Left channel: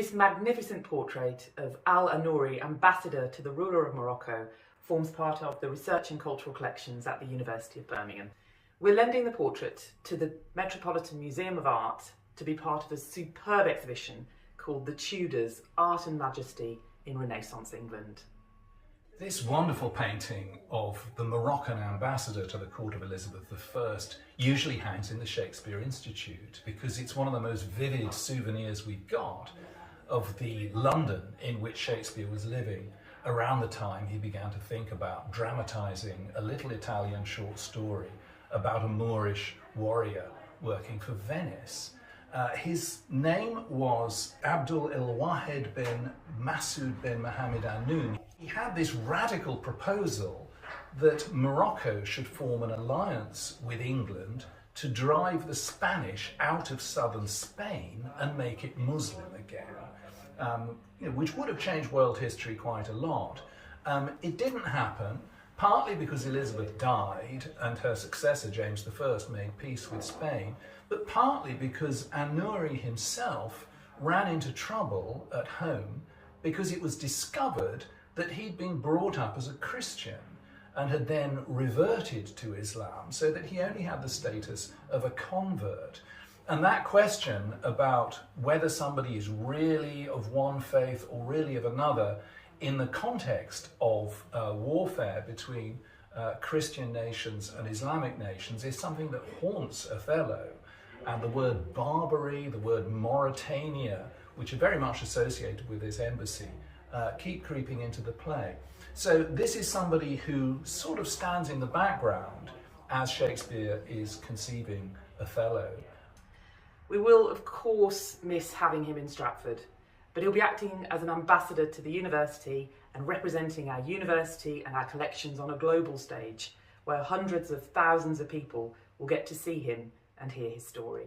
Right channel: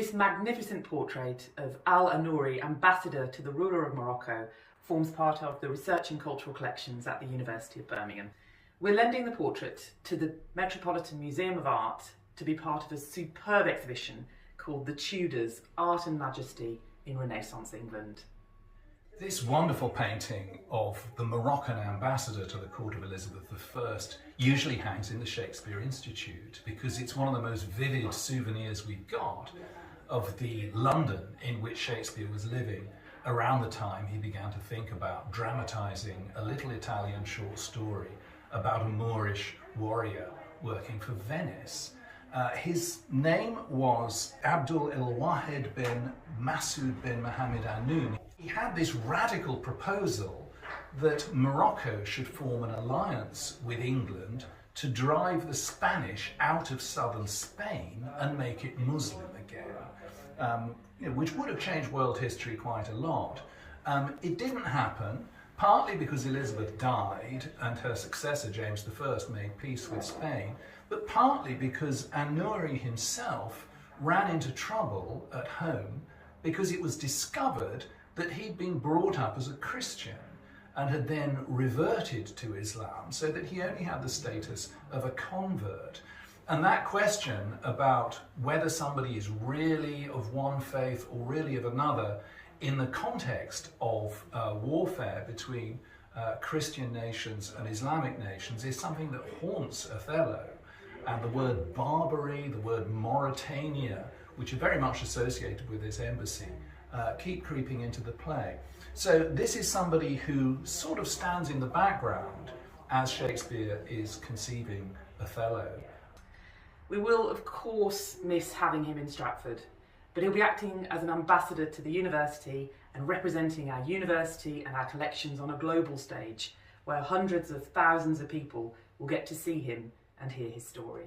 This magnificent portrait of Al-Anouri, ambassador to the ruler of Morocco, forms part of the Research and Cultural Collections at the University of Birmingham. We're lending the portrait to the Metropolitan Museum of Art to be part of a superb exhibition called The Tudors, Art and Majesty in Renaissance England. This wonderful painting of the Moroccan ambassador to the court of Elizabeth I usually hangs in the Shakespeare Institute because it's one of the most vivid souvenirs we've got of the London in which Shakespeare was living around the time he began to think about dramatising a little Italian short story about a Moorish warrior working for Venice. His name was Abdul el-Wahed bin Masoud bin Mohammed Anoun. He had this radical proposal that Morocco should form an alliance with England to drive the Spanish out of southern Spain and make it Muslim again, which would have changed world history quite a lot. It didn't happen, partly because Elizabeth died and her successor James I made peace with Spain, but partly because Anouri himself ran into trouble at home because it was discovered that he'd been brought up as a Christian and had then reverted to Islam, so that he only had the status of a convert. And that question about whether somebody is really of one faith or really of another in the context of warfare between Christian nations and Islamic nations is something that haunts Othello. And the word Barbary, the word Mauritania, which are very much associated with this embassy, keep creeping into the play. So this is somebody who sort of stands in the background as Shakespeare is conceiving Othello. We will, of course, miss having him in Stratford, but he'll be acting as an ambassador to the university and representing our university and our collections on a global stage, where hundreds of thousands of people will get to see him and hear his story.